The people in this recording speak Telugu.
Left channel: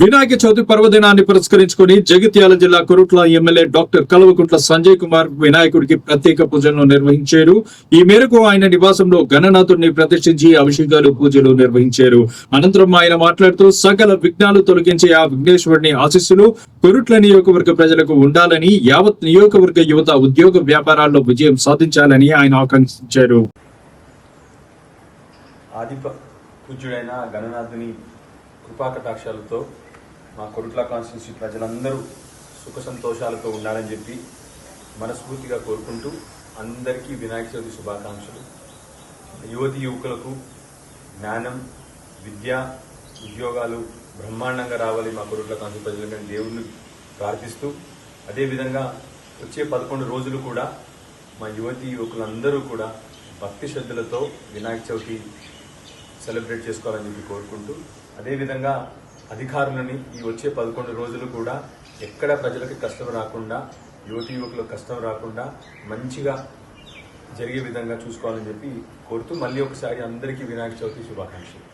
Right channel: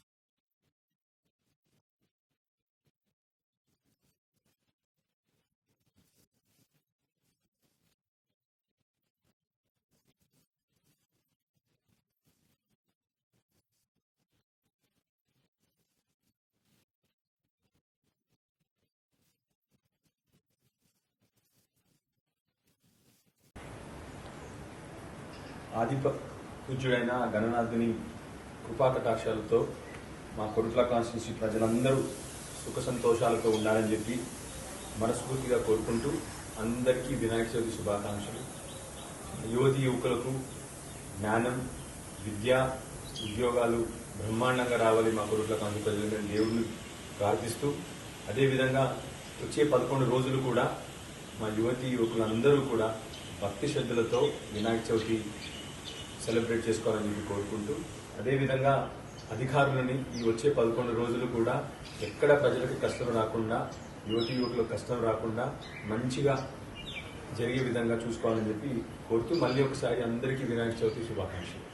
వినాయక చవితి పర్వదినాన్ని పురస్కరించుకుని జగిత్యాల జిల్లా కొరుట్ల ఎమ్మెల్యే డాక్టర్ కల్వకుంట్ల సంజయ్ కుమార్ వినాయకుడికి ప్రత్యేక పూజలను నిర్వహించారు. ఈ మేరకు ఆయన నివాసంలో గణనాథుడిని ప్రతిష్ఠించి అభిషేకాలు పూజలు నిర్వహించారు. అనంతరం ఆయన మాట్లాడుతూ సకల విఘ్నాలు తొలగించే ఆ విఘ్నేశ్వరుని ఆశీస్సులు కొరుట్ల నియోజకవర్గ ప్రజలకు ఉండాలని, యావత్ నియోజకవర్గ యువత ఉద్యోగ వ్యాపారాల్లో విజయం సాధించాలని ఆయన ఆకాంక్షించారు. పూజ్యుడైన గణనాథుని కృపాకటాక్షాలతో మా కొరుట్ల కాన్స్టిట్యూన్సీ ప్రజలందరూ సుఖ సంతోషాలతో ఉండాలని చెప్పి మనస్ఫూర్తిగా కోరుకుంటూ అందరికీ వినాయక చవితి శుభాకాంక్షలు. యువతి యువకులకు జ్ఞానం, విద్య, ఉద్యోగాలు బ్రహ్మాండంగా రావాలి మా కొరుట్ల కాన్స్టిట్యూన్సీ ప్రజలు దేవుడిని ప్రార్థిస్తూ, అదేవిధంగా వచ్చే 11 రోజులు కూడా మా యువతి యువకులందరూ కూడా భక్తి శ్రద్ధలతో వినాయక చవితి సెలబ్రేట్ చేసుకోవాలని చెప్పి కోరుకుంటూ, అదేవిధంగా అధికారులని ఈ వచ్చే 11 రోజులు కూడా ఎక్కడ ప్రజలకు కష్టం రాకుండా, యువతి యువకులకు కష్టం రాకుండా మంచిగా జరిగే విధంగా చూసుకోవాలని చెప్పి కోరుతూ మళ్ళీ ఒకసారి అందరికీ వినాయక చవితి శుభాకాంక్షలు.